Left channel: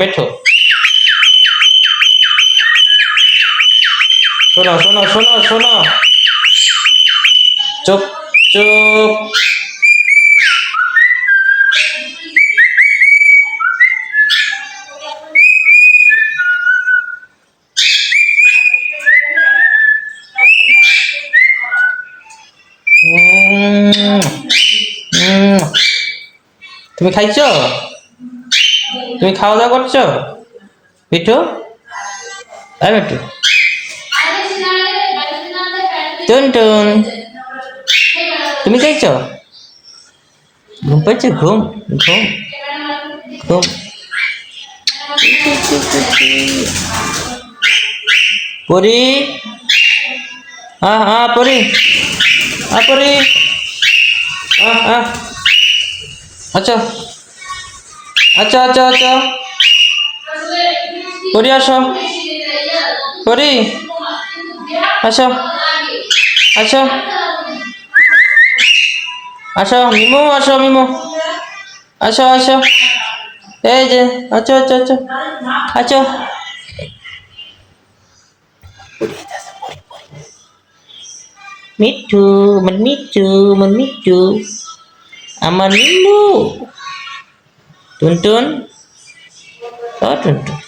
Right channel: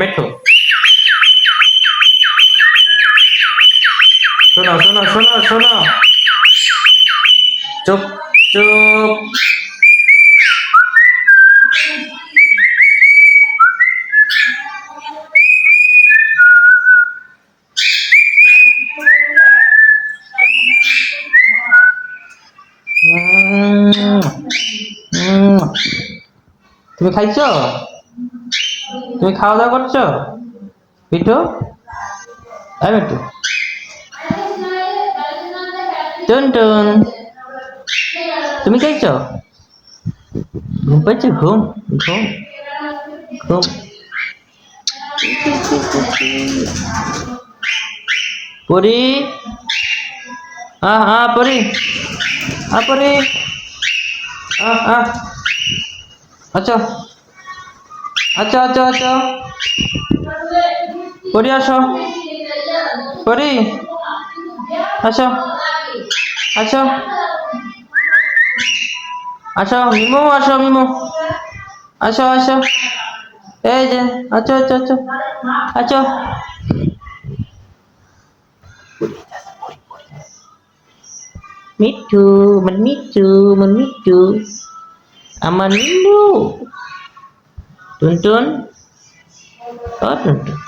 মিঠু, শোনো শোনো শোনো শোনো, চুপ চুপ। উম, উম। তুমি খাইছো? তুমি খাওয়া দাওয়া করছো মিঠু? মিঠু, টুন, তুমি খাইছো? ঘুম পাইছে? ঘুম ঘুম ঘুম। পরি, হ্যাঁ হ্যাঁ পরি, হ্যাঁ পরি, হ্যাঁ হ্যাঁ। আচ্ছা আচ্ছা আচ্ছা আচ্ছা, পরি আসো, পরি আসো, আসো আসো, মিমু আসো, মিমু আসো আসো, এই যে আচ্ছা আচ্ছা আচ্ছা আচ্ছা। মিঠু, আমার মিঠু, আমার মিঠু, আমার মিন্নু, টুনটুন, ও টুনটুন,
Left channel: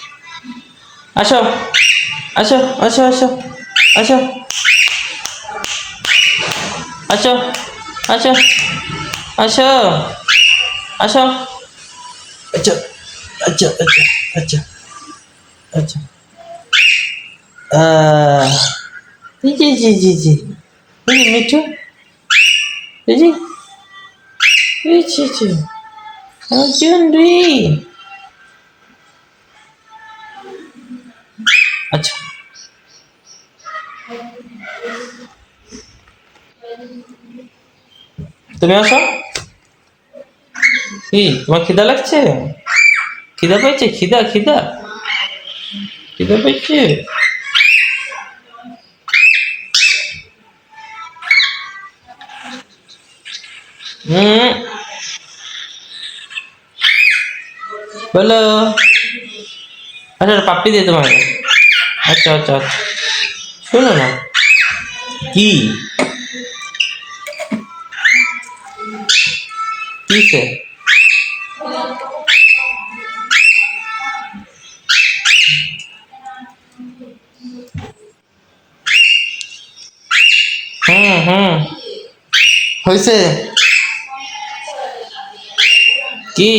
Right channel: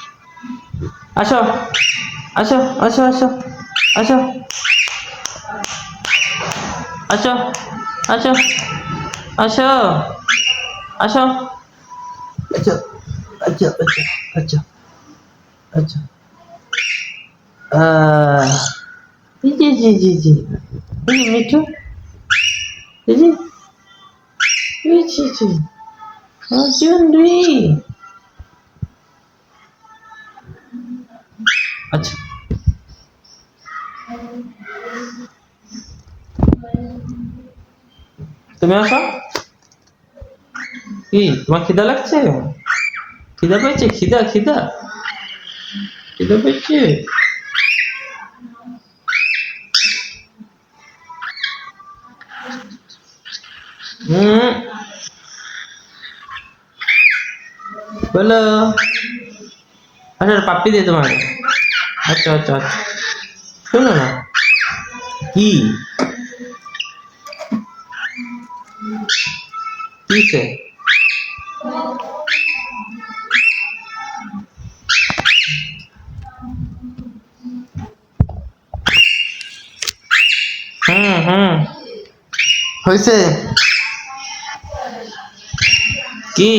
আসো আসো আসো আসো আসো আসো আসো আসো আসো। আচ্ছা আচ্ছা আচ্ছা আচ্ছা আচ্ছা, জি জি জি জি, এই যে মিঠু, এই যে, এই জি জি, আমার চুনরি। আচ্ছা, তুমি আসো। কি তোমার খিদা লাগছে? খিদা পেয়েছে? খিদা খিদা খিদা পেয়েছে? হুম, বলো। আচ্ছা পাপ্পি দিয়ে তোমার। আচ্ছা আচ্ছা আচ্ছা, শোনো না। কি কিসে? হুম হুম, হয়েছে কি?